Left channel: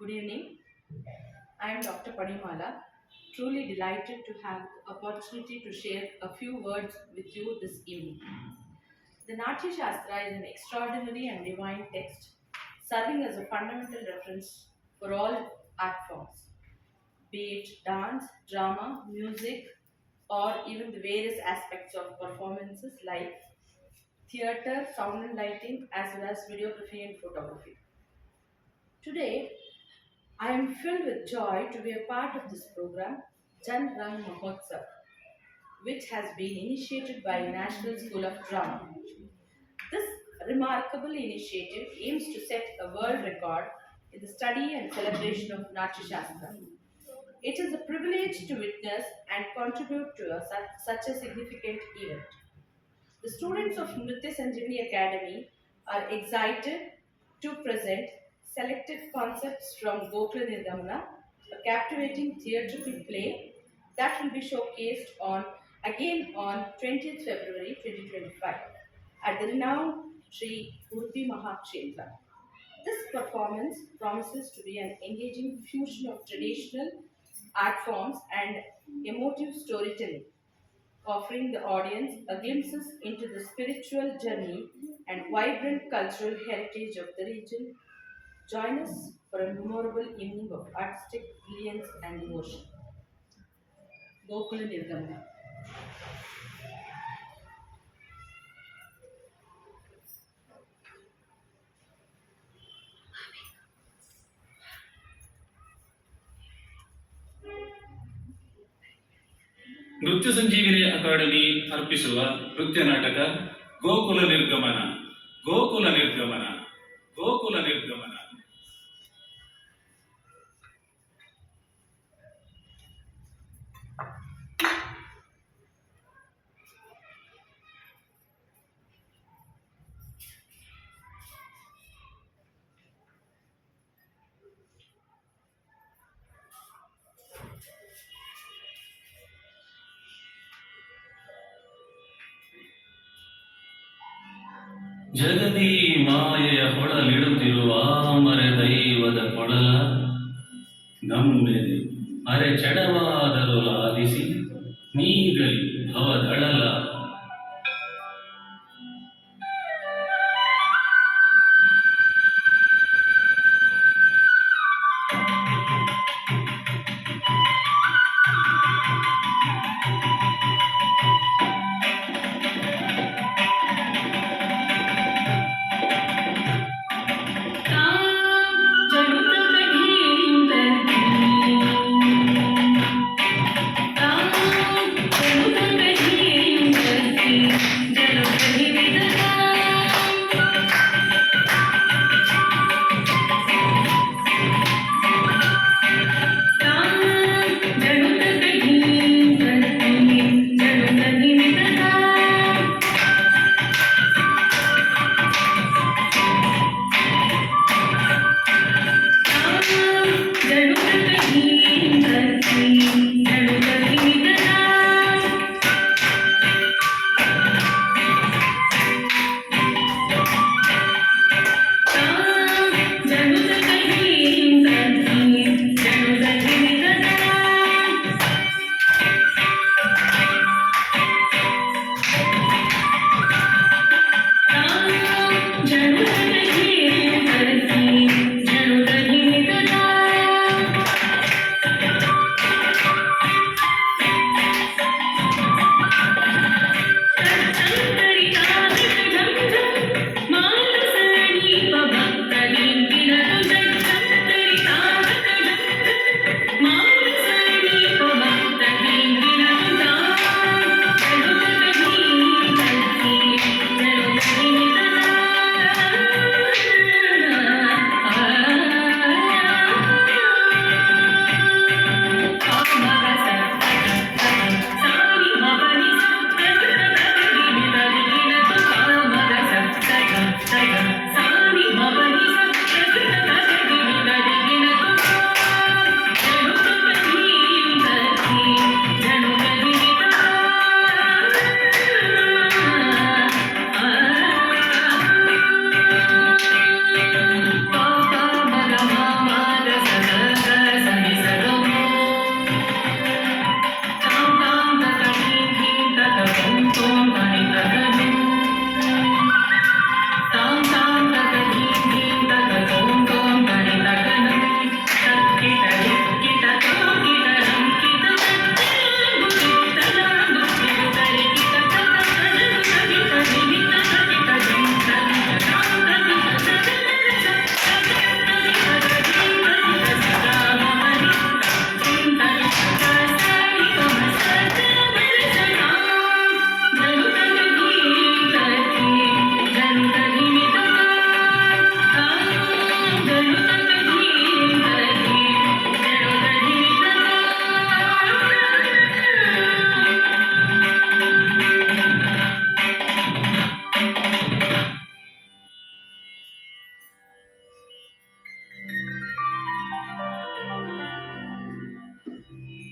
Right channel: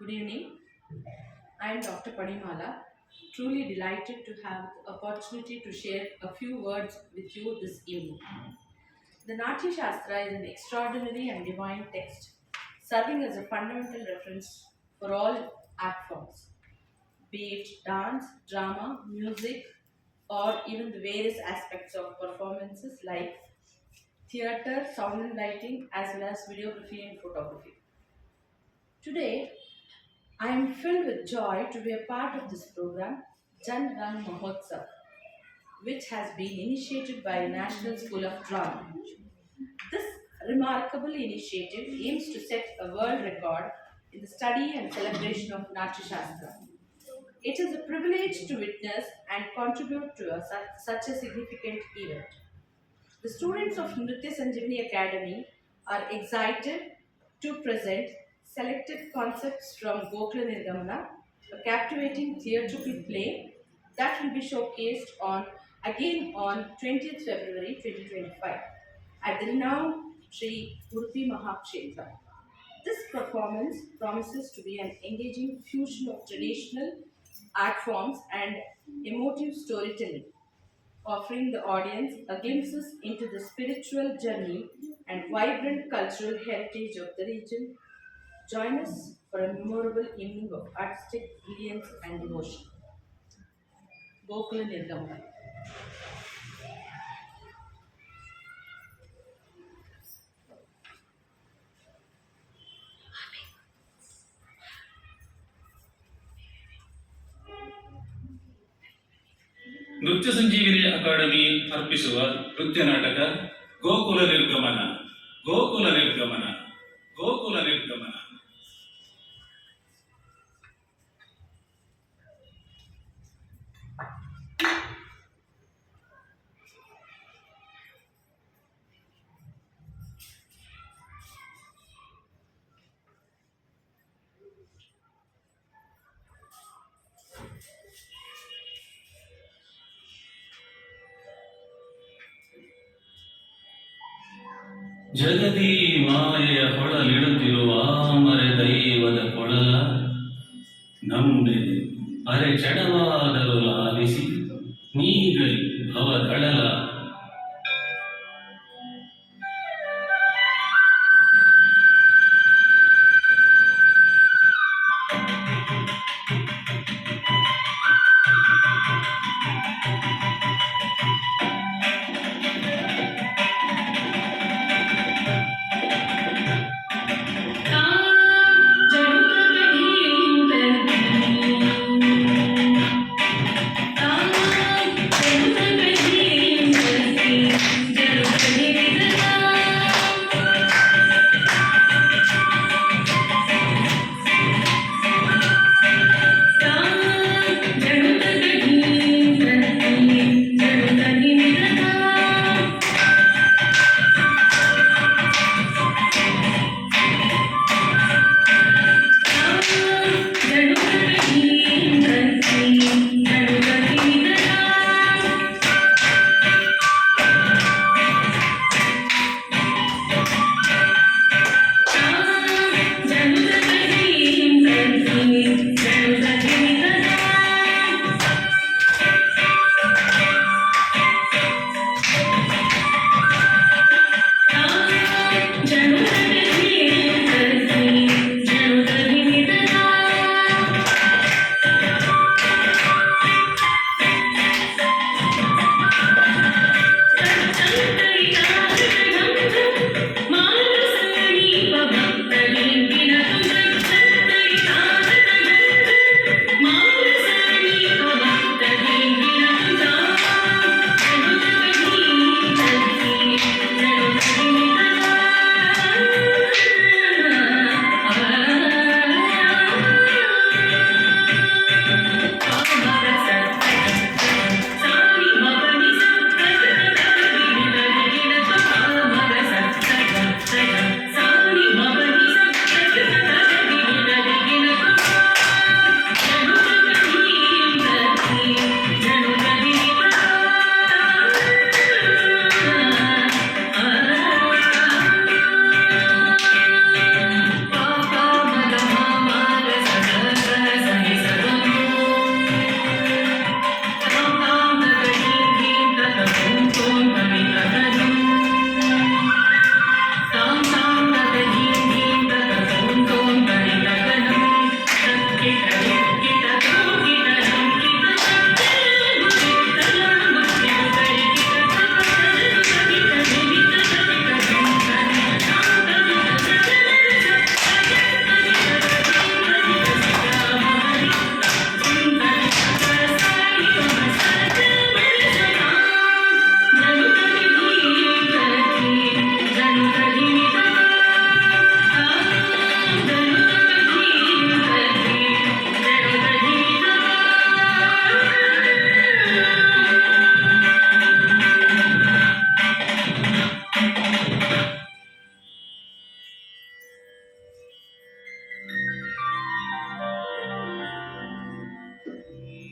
Good evening. I am Dr. Padimala, truly delighted to have the opportunity to share a few words with you this evening. The Natya Shastra is an extraordinary and divine text, serving as a fundamental reference for all art forms, be it dance, drama, music, or even the various aspects of performances like theatre, sound and lighting, as well as videography and photography. Today, I am filled with joy to be a part of this program, Jan Rang Mahotsav, which has been initiated by National School of Drama. This remarkable initiative aims to set a world record in the study and celebration of Natya Shastra. It is a privilege to witness and contribute to such a significant event. The students of Nritya Sanjeevani Academy are excited to present selected concepts from Gokula Nirgamana, a captivating theatrical play that will be showcased on 20th February 2025 at the renowned Sri Udupi Mahakshetra. This performance promises to be an engaging fusion of traditional art forms and emotive storytelling, offering the audience a glimpses into the spiritual journey and vibrant cultural heritage of the region. Join us for a memorable evening of artistic brilliance and devotion. Gokula Nirgamana. ನೃತ್ಯ ಸಂಜೀವಿನಿ academy ಅರ್ಪಿಸುವ ನೃತ್ಯ ನಾಟಕ ಗೋಕುಲ ನಿರ್ಗಮನ ಗೋಕುಲ ನಿರ್ಗಮನ ಗೋಕುಲ ನಿರ್ಗಮನ. ಜಗದಿ ಮಾಯೆಯ ಹೊಳಲಿಡುತ್ತಿರುವ ಮರೆ ದೈವದ ಕೊಳಲ ನಮ್ಮೆದೆ ಅರೆ ಚಡವಾದರೂ ಲಾಲಿಸಿ ನೀಗಲಿ ಭವದಳಲ.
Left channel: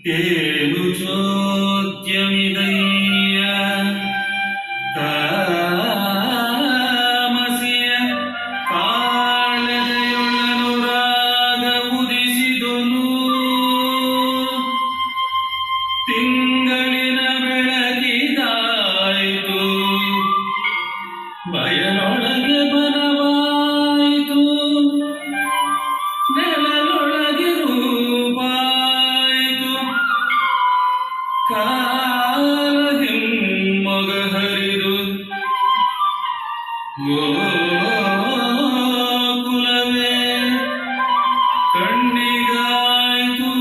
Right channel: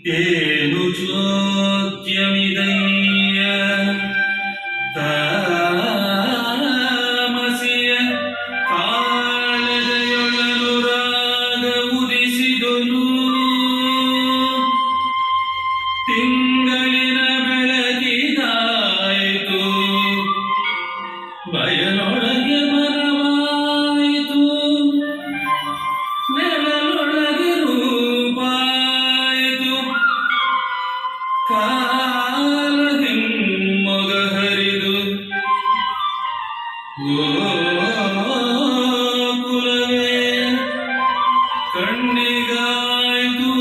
ಏನು ಚೋದ್ಯಮಿದಯ್ಯ ತಾಮಸಿಯ ಕಾಳದೆಯೊಳಲು ರಾಗ ಉದಿಸಿದನು ತಿಂಗಳಿನ ಬೆಳಕಿದಾಯಿತು ಬಯಲೊಳಗೆ ಬನವಾಯಿತು ನೆಲದೊಳಗೆ ರೂಪಾಯಿತು ಕಾಲದಿಮ್ಮೊಗ ಹರಿದು ಗೋಕುಲವೇ ಕಣ್ಣಿಗಾಯಿತು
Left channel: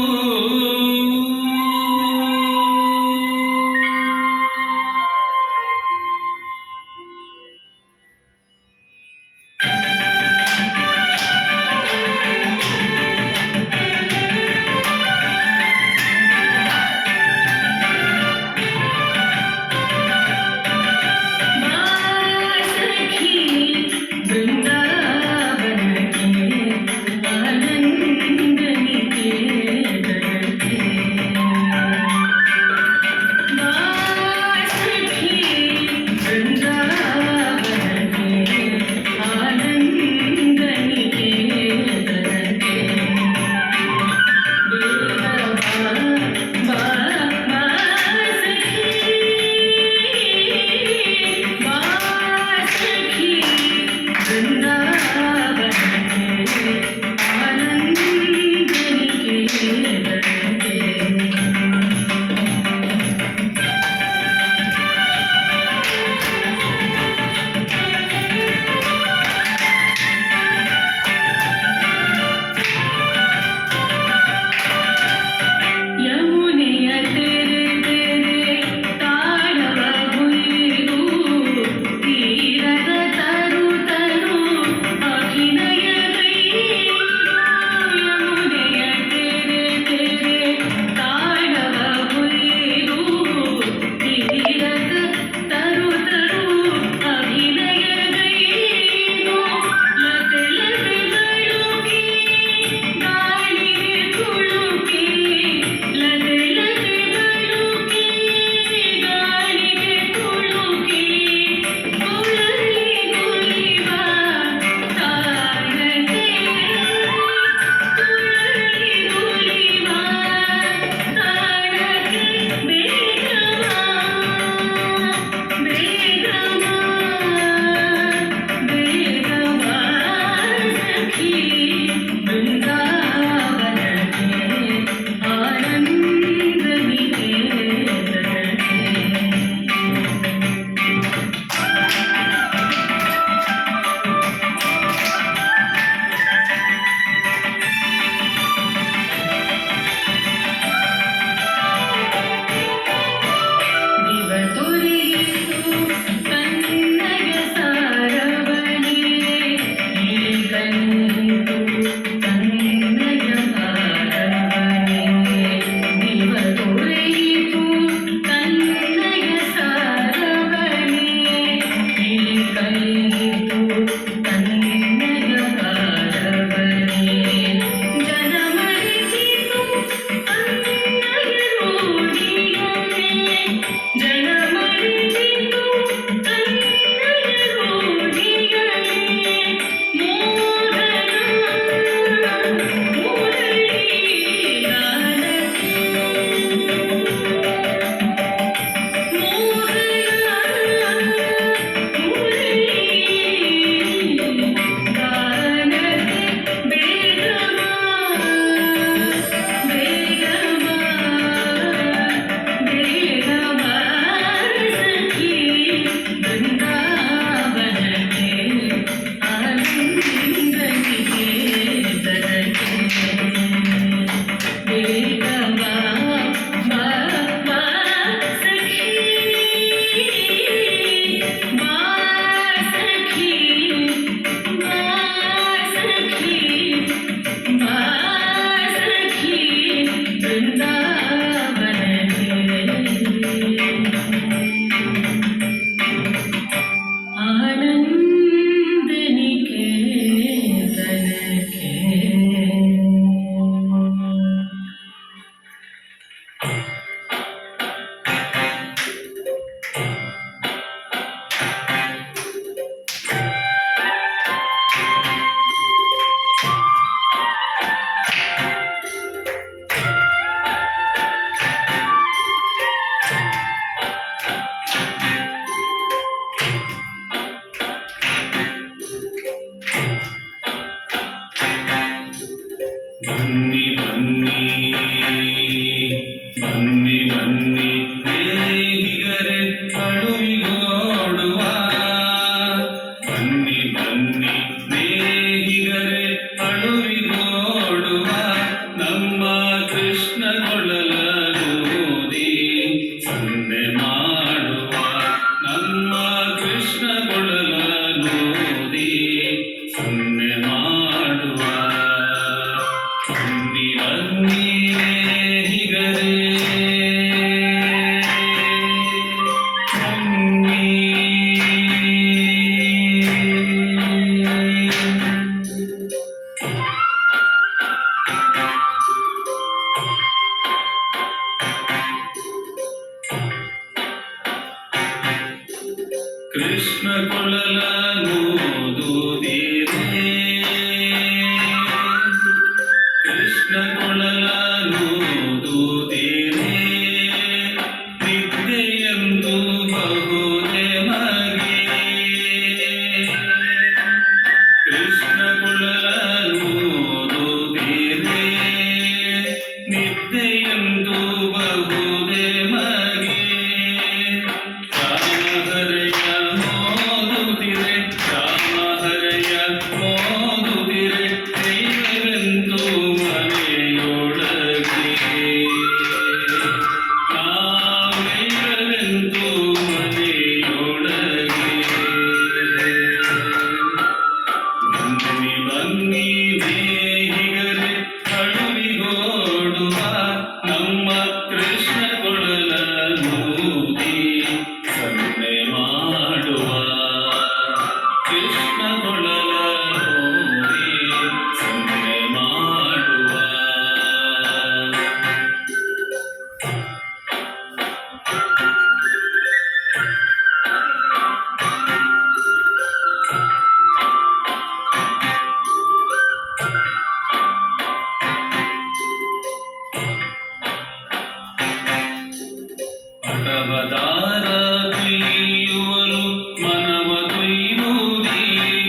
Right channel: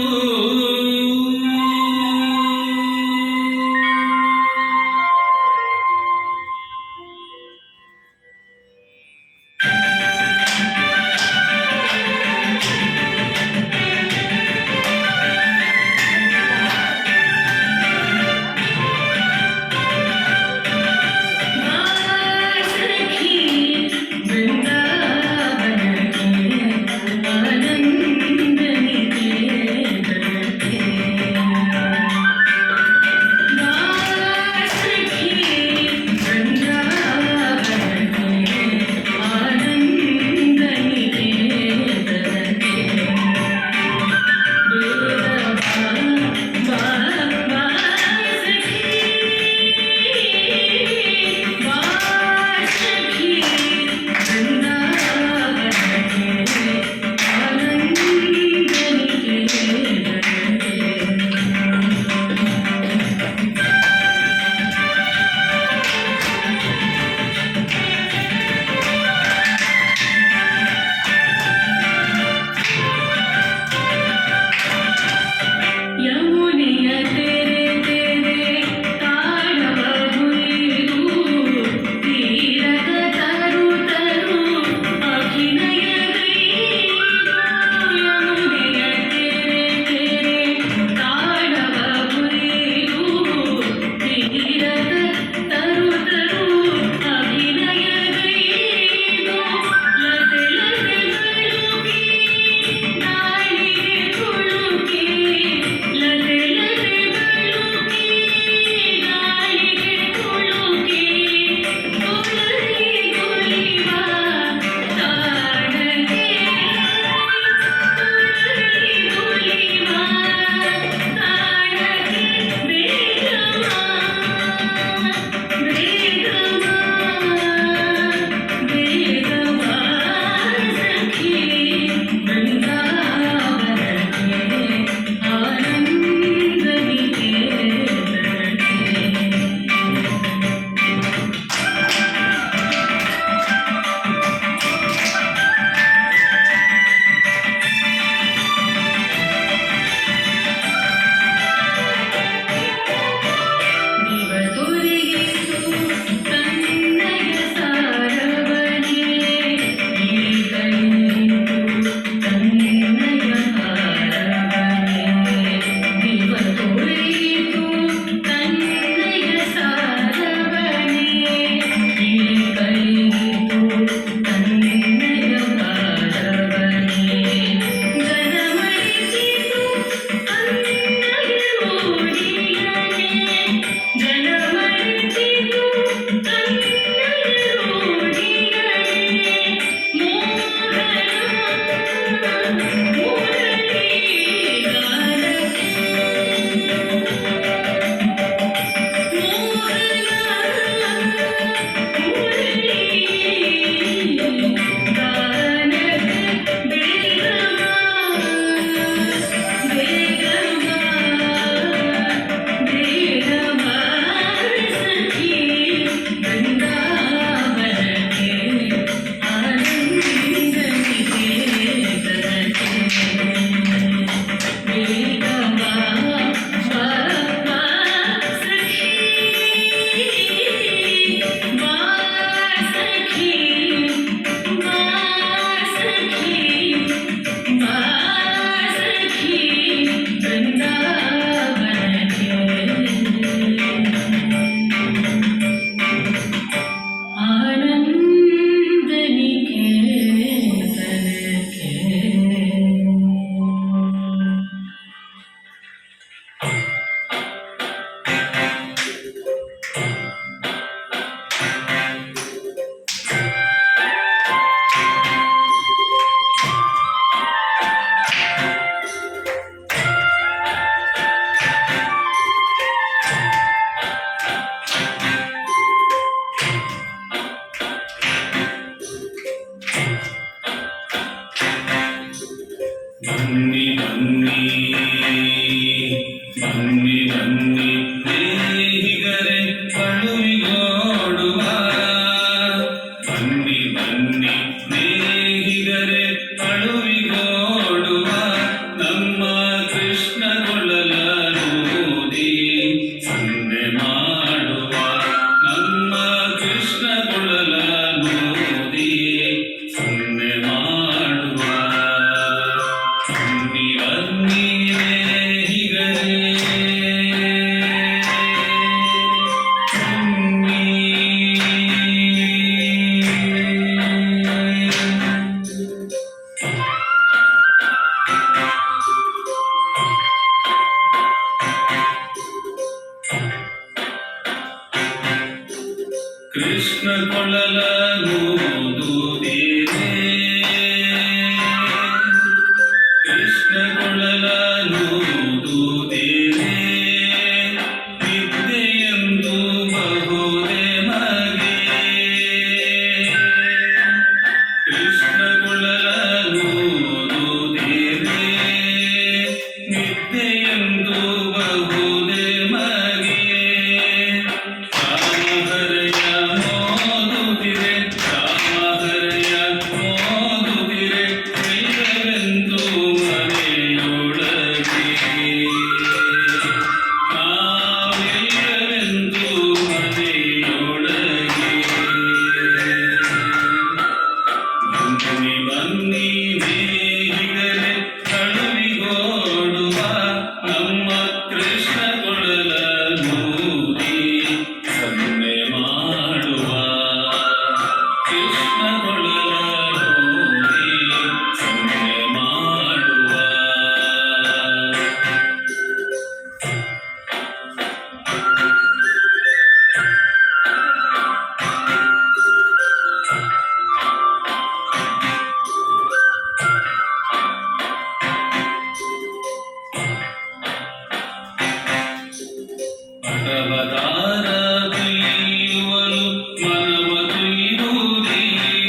ಬನ್ನಿ ಬನ್ನಿ ನೇಹಿಗರೆ ಅಳುವಿಗೋಡುವ ನಮ್ಮ ಕೃಷ್ಣ ಕೊಳಲೂದಿ ಸನ್ನೆ ಮಾಡುವ ನಮ್ಮ ಕೃಷ್ಣ ಕೊಳಲೂದಿ ಸನ್ನೆ ಮಾಡುವ ಬನ್ನಿ ಬನ್ನಿ ನೇಹಿಗರೆ ಕೃಷ್ಣ ಕೊಳಲೂದುವುದಿರೆ ಕೃಷ್ಣ ಕೊಳಲೂದುವುದಿರೆ ವಿದ್ಯೆಯಂತೂ ಬಹುದೇ ಮಗೆ ಕೃಷ್ಣ ಕೊಳಲೂದುವುದಿರೆ ನಿದ್ಯೆಯಂತೂ ಬಹುದೇ ಮಗೆ ರಾಮಹರಯ ಮೋದುತ್ತಿರೆ ರಾಮಹರಯ ಮೋದುತ್ತಿರೆ ವೈರವೆಂದು ಮನೆಯೊಳಗೆ ನಾವೈರವೆಂದು ಮನೆಯೊಳಗೆ ಬನ್ನಿ ಬನ್ನಿ ನೇಹಿಗರೆ ಅಳುವಿಗೋಡುವ ನಮ್ಮ ಕೃಷ್ಣ ಕೊಳಲೂದಿ ಸನ್ನೆ ಮಾಡುವ ಕೃಷ್ಣ ಕೊಳಲೂದಿ ಸನ್ನೆ ಮಾಡುವ ಅಟವದಾರ ತುಯ್ಯುವಲು ಮನವ ತುಯ್ಯುವುದೀ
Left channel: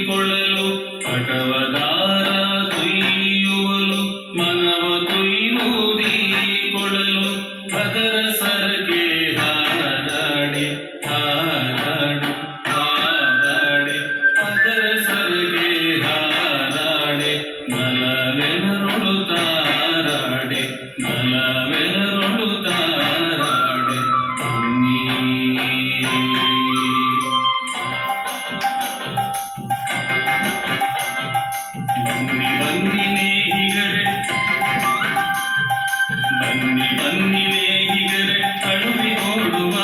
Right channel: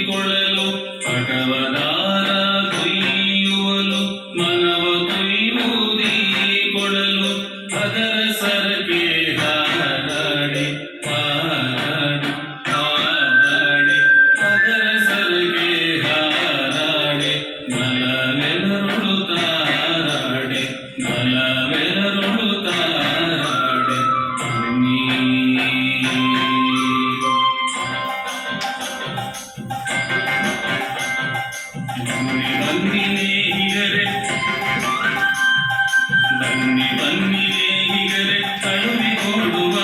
ಕೊಳಲು ಅಟವದಾರ ತುಯ್ಯುವಲು ಮನವ ತುಯ್ಯುವುದೀ ಕೊಳಲು ಅದರ ಸರಗೆ ಹಾರಾಡಿ ಹಾರಾಡಿ ಹಾರಾಡಿ ಅದರ ಸರಗೆ ಹಾರಾಡಿ ನಲವೆನರುಳು ತಾರಾಡಿ ನಲವೆನರುಳು ತಾರಾಡಿ ಬನ್ನಿ ಬನ್ನಿ ಬನ್ನಿ ನೇಹಿಗರೆ ಬನ್ನಿ ಬನ್ನಿ ನೇಹಿಗರೆ ಅಳುವಿಗೋಡುವ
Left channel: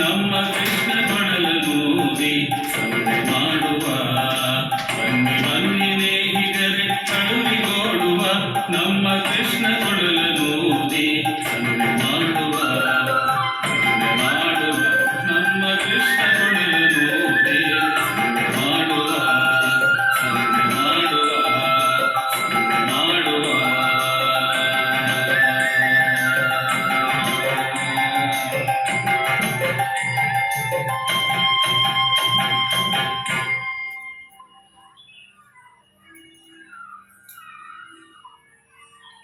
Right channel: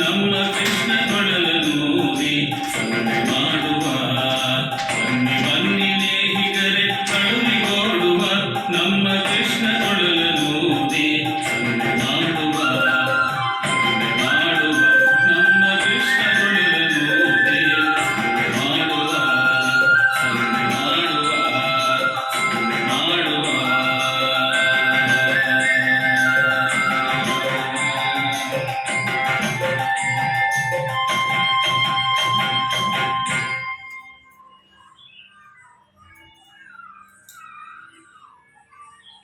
ನಮ್ಮ ಕೃಷ್ಣ ಕೊಳಲೂದಿ ಸನ್ನೆ ಮಾಡುವ ಬನ್ನಿ ಬನ್ನಿ ನೇಹಿಗರೆ ಅಳುವಿಗೋಡುವ ನಮ್ಮ ಕೃಷ್ಣ ಕೊಳಲೂದಿ ಸನ್ನೆ ಮಾಡುವ ಸನ್ನೆ ಮಾಡುವ ನಮ್ಮ ಕೃಷ್ಣ ಕೊಳಲೂದಿ ಸನ್ನೆ ಮಾಡುವ ಸನ್ನೆ ಮಾಡುವ ಸನ್ನೆ ಮಾಡುವ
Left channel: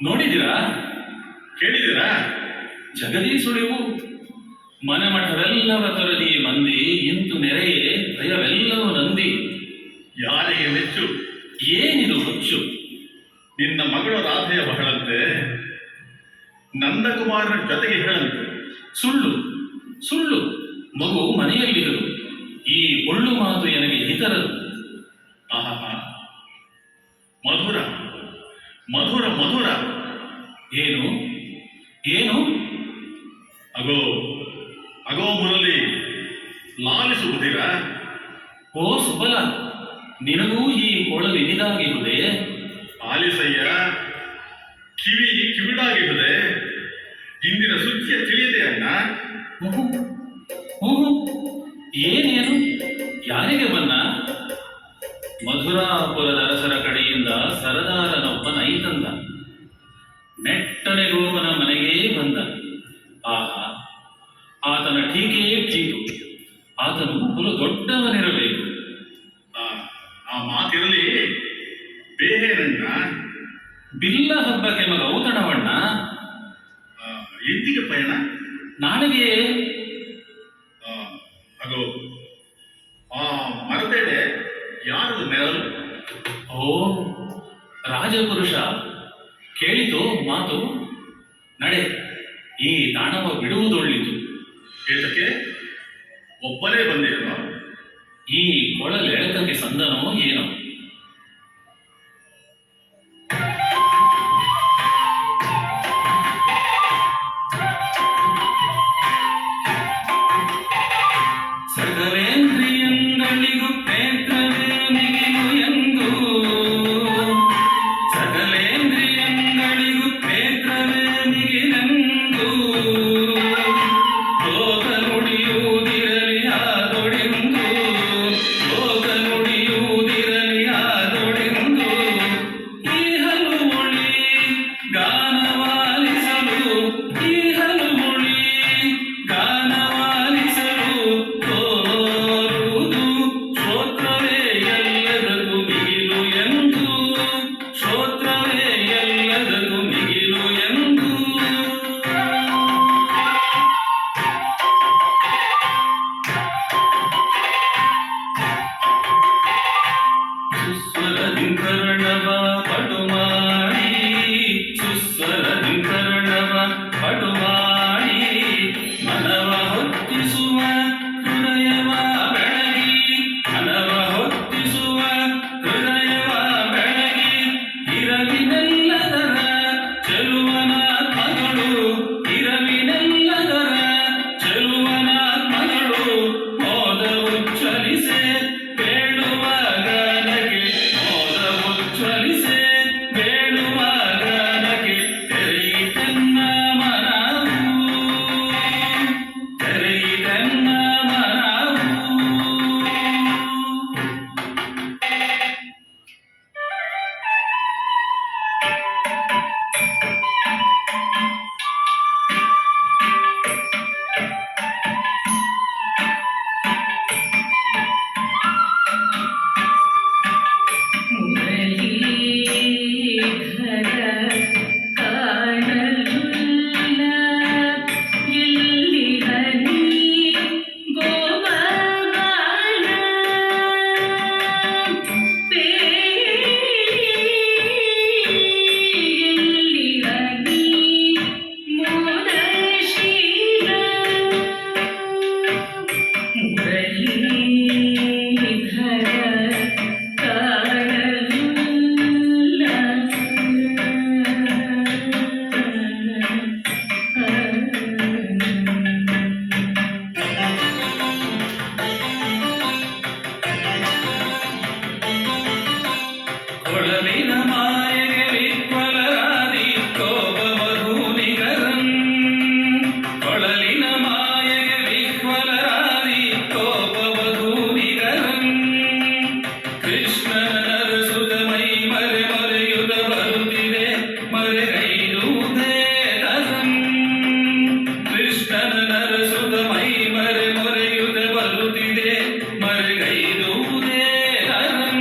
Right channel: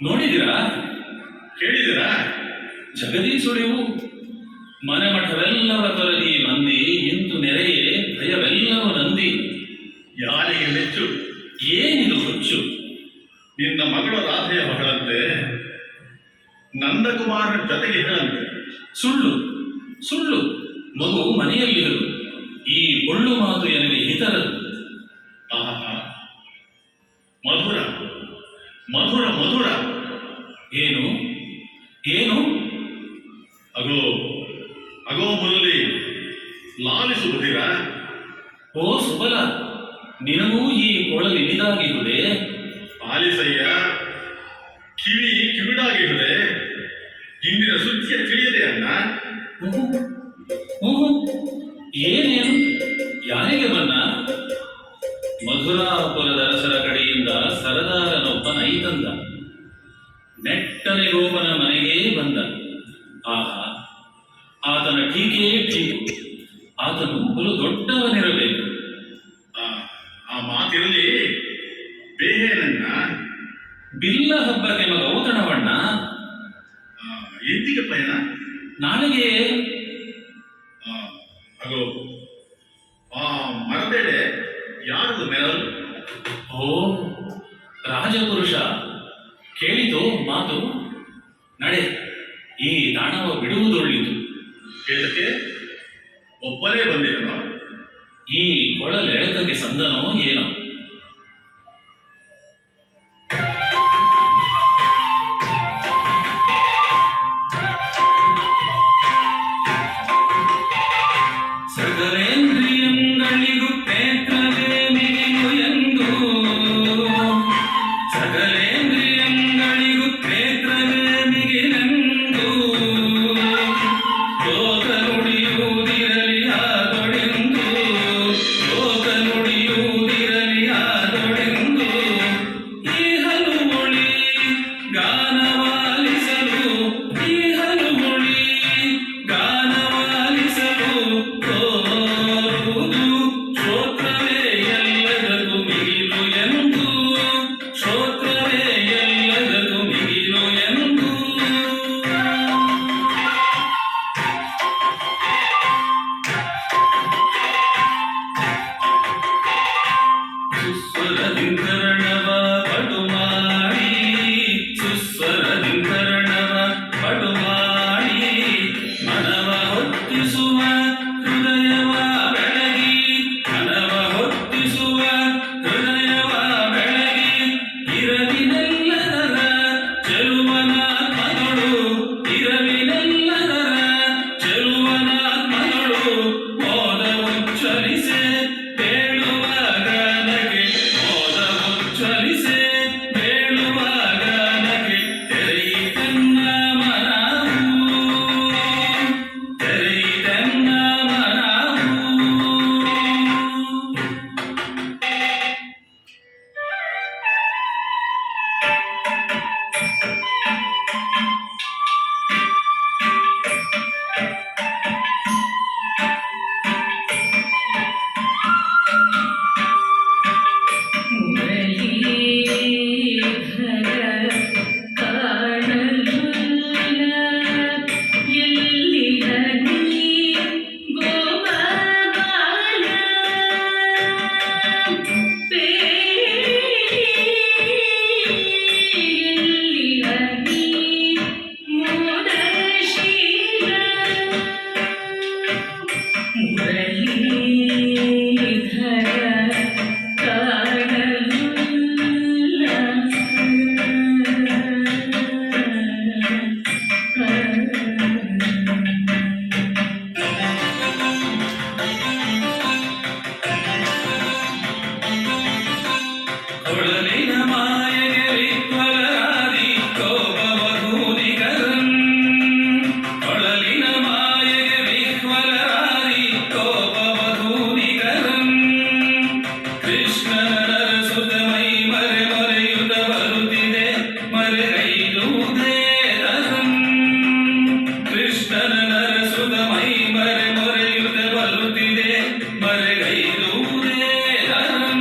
ನೋಡಿದಿರಾ ಕೇಳಿದಿರಾ ಜಗದೀಶುಳಿವು ಮನೆಮಠವೆಲ್ಲರ ತೊರಲಿ ಮಂದಿ ಇಂತು ನೆರೆಯೇ ಭಯವೆಲ್ಲವೂ ನಂದಿ ಯಾರಿಗೆ ಮೆಚ್ಚು ಏನಿದು ಹುಚ್ಚು ನಿನ್ನ ಮಗಳು ರಾಧೆಯ ಮಗಳಂತೆ ನಂದಕುಮಾರನ ಜೊತೆಗೆ ಹೇಳಂತೆ ಸುಳ್ಳು ಸುಳ್ಳು ಮಗು ಮನೆಯಲ್ಲಿರು ಈ ಒಳ್ಳು ಮಾತು ನನಗೆ ಹಿತರದು ಆಹಾ ಮಧುರ ಮಧುರ ಮಧುರ ಏನು ಏನು ಅಗೋ ಅಗೋ ಮುರಳಿ ಲಾಲಿಸುವುದಿರ ಓ ಸುಬಲ ನಿನಗೂ ಈ ಕೊಳಲಿನಿದಾಗಿರುವುದೇ ಆಲಿಸಯ್ಯ ಕಿವಿ ಕಿವಿಡಾಗಿರುತ್ತದೆ ಇಂದಿನ ಸುದ್ದಿಯ ತಿಳಿಯದೆ ಅಣ್ಣ ಏನೇನು ಯಾರಿಗೆ ಬನ್ನ ಮಧುರಾಪುರದ ಅರಸರ ಕಡೆಯಿಂದ ಸರದಾರನೊಬ್ಬ ನೈತಂದ ನೆಟ್ಟನೆ ಗೋಪನ ಮನೆಗೇ ಬಂದ ಆಹಾ ಆತನ ಟೀಕೆ ಟೀಕು ಆತನು ಬಲು ದೊಡ್ಡವನಿರಬೇಕು ಆ ಮಾತಿರಲಿ ಬೇಹೇನಣ್ಣ ಬಿಲ್ಲ ಹಬ್ಬಕ್ಕೆ ಮಗ ಔತಣವಣ್ಣ ಎಂದಿಗೆ ಪಯಣ ನಾಳೆಗೆ ಅಗೋ ಆ ಮರಬೇಡೆ ಯಾವ ಮಾತು ಮೆರಲು. ಓ ರಾಜಪುರುಷ, ಕೇಳಿತು ಮಾತು. ನಡೆ, ಈ ತಾಣವ ಬಿಡುವುದೊಳ್ಳಿತು. ಏತಕ್ಕೆ ಒಬ್ಬನೇ ಬಂದೇನೋ? ಈ ಕೊಳಲೆಳೆತಕ್ಕೆ ಸಂದನೋ ಏನೋ. ಸಕಲೇಂದ್ರಿಯಗಳಿಗೂ ಕ್ಷೇತ್ರವೇ ಮಿಗಿಲು ಎಂದು, ಸಕಲೇಂದ್ರಿಯಗಳಿಗೂ ಕ್ಷೇತ್ರವೇ ಮಿಗಿಲೆಂದು, ಲೋಕ ನುಡಿಯುವುದಿರಲಿ ಆದೊಡೆಂದು, ಲೋಕ ನುಡಿಯುವುದಿರಲಿ ಆದೊಡೆಂದು, ಈ ಹಲುಮೊಳಿ ಗಾನವಾಲಿಸಲು, ಈ ಹಲುಮೊಳಿ ಗಾನವಾಲಿಸಲು ತೋರುವುದು ಶ್ರೋತ್ರವೇ ಎಲ್ಲದಕ್ಕೂ ಮಿಗಿಲು ಎಂದು, ಶ್ರೋತ್ರವೇ ಎಲ್ಲದಕ್ಕೂ ಮಿಗಿಲು ಎಂದು. ಸುಸ್ವರದಿಂಕರಣವ ಪಟು ಮಾಡಿ, ಸುಸ್ವರದಿಂಕರಣವ ಪಟು ಮಾಡಿ, ಮನವ ಹೊತ್ತಿಸುವ ಹೃದಯವ ಬೆಳಗಿ, ಮನವ ಹೊತ್ತಿಸುವ ಹೃದಯವ ಬೆಳಗಿ, ಇರವಿನೆಲ್ಲದರ ಚೆಲುವನಾತ್ಮಗಳು, ಇರವಿನೆಲ್ಲದರ ಚೆಲುವನಾತ್ಮಗಳು, ಮೋದ ಉಚ್ಚರಿಸೆ ಬೇಡುವಾಗ ನಗೆ, ಮೋದ ಉಚ್ಚರಿಸೆ ಬೇಡುವಾಗ ನಗೆ, ತೆರೆಯಿತೆನ್ನ ಮನವು, ತೆರೆಯಿತೆನ್ನ ಮನವು. ಮುರಳೀಧರ ಕಾಣಲಿಲ್ಲ ಎಲ್ಲಿಹ ನೀ ಗೋಪಾಲ, ಎಲ್ಲಿಹ ನೀ ಮೋದಶೀಲ. ಮುರಳೀಧರ ಕಾಣಲಿಲ್ಲ. ಕೊಳಲಿನ ಮಾಯೆಗೆ ವಿಹ್ವಲರಾದಿ ಕೋಪವಧೂನಿಕರಂ, ಕೊಳಲಿನ ಮಾಯೆಗೆ ವಿಹ್ವಲರಾದಿ ಕೋಪವಧೂನಿಕರಂ, ಕೃಷ್ಣನ ನರಸುತ ಮೈ ಮರೆ ಮರೆಯುತ್ತ ಬರುತ್ತಿದೆ ಮರೆಗೈರುವುದೇ ತರಂ, ಕೃಷ್ಣನ ನರಸುತ ಮೈ ಮರೆ ಮರೆಯುತ್ತ ಬರುತ್ತಿದೆ ಮರೆಗೈರುವುದೇ ತರಂ.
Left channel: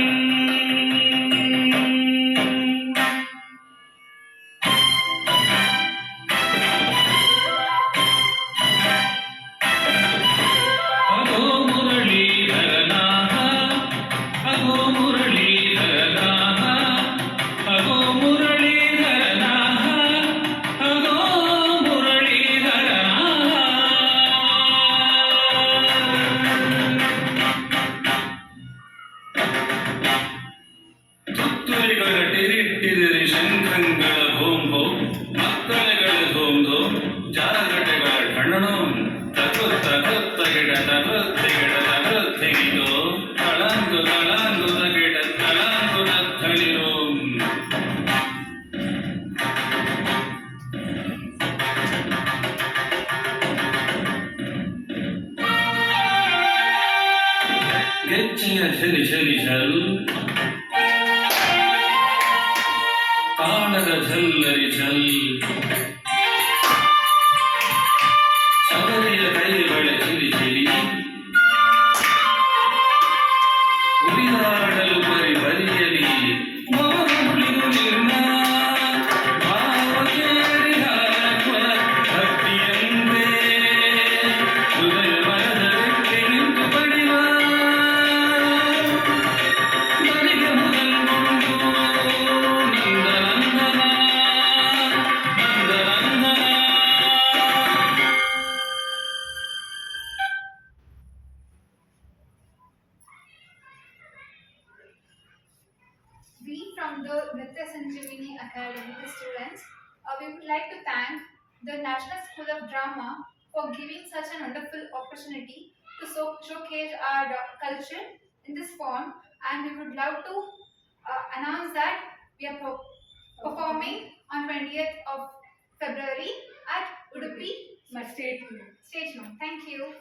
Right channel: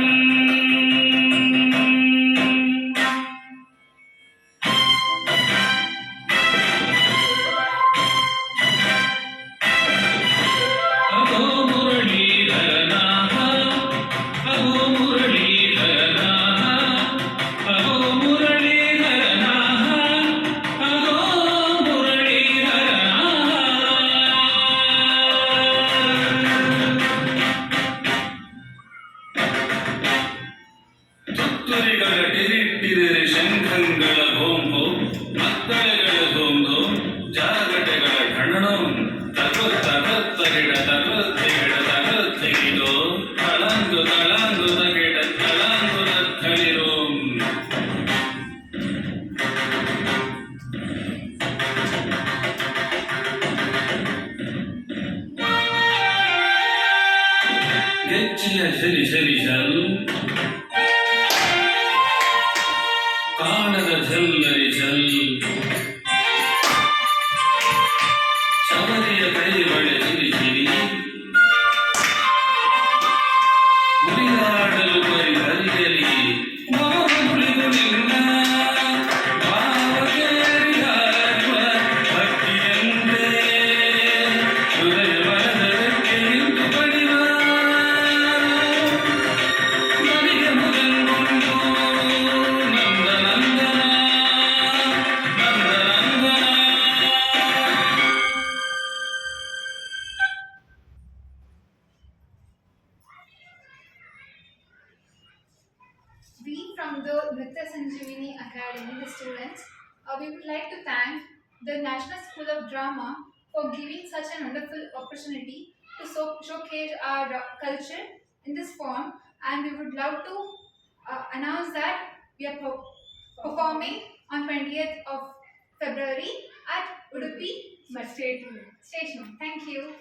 ಅಗೋ ಮುರಳೀಧರನಾಥ, ಅಗೋ ಮುರಳೀಧರನಾಥ, ಅಗೋ ಮುರಳೀಧರನಾಥ, ಅಗೋ ಮುರಳೀಧರನಾಥ. ತುತ್ತೂರಿಗಳ ಟಿರಿಟ್ಟಿದರೆ ಶಂಖಂಗಳ ಹೋಂ ಹೋಂ, ಮಕ್ಕಳಗಳ ಧೋಂ ಧೋಂ, ಜಾಗಟೆಗಳ ಠಣಣಂ, ತಗುತ್ತ ತತ್ತಗಿಡ ತಗತ್ತಿಗಿಡ ತಗತ್ತಿಗಿಡೋ, ತಳಂದು ತಳಂದು ತಗಿಡ ತಳಂದು ತತ್ತಳಿರೋಂ. ಗೆಜ್ಜೆಯ ಝರಿ ಝರಿ ಝಲ್, ತಾಳದ ಝಲ್ಲರಿ ಝಲ್, ಶಬರಿಯ ಕೈ ಬಳೆ ಝಿರಿ ಝಿರಿ, ಉರಿದಾಡಲು ಬರಿ ಬರಿಯಲಿ ಮೋಗುಳಿಗುಳಿನ, ಭಾವಕೇರಿ ಹಾರುವ ಭಕ್ತಿಯಂತೆ, ಹೃದಯ ಮನದ ರೆಕ್ಕೆ ನಿಂತು ಬಡಿವ, we from the Nritya Sanjeevani Academy, the students, we would like to thank the National School of Drama for giving such a wonderful opportunity to showcase our culture in this form, and we would love to announce that we are performing on 20th of February at Udupi. Stay tuned. Stay tuned. Thank you.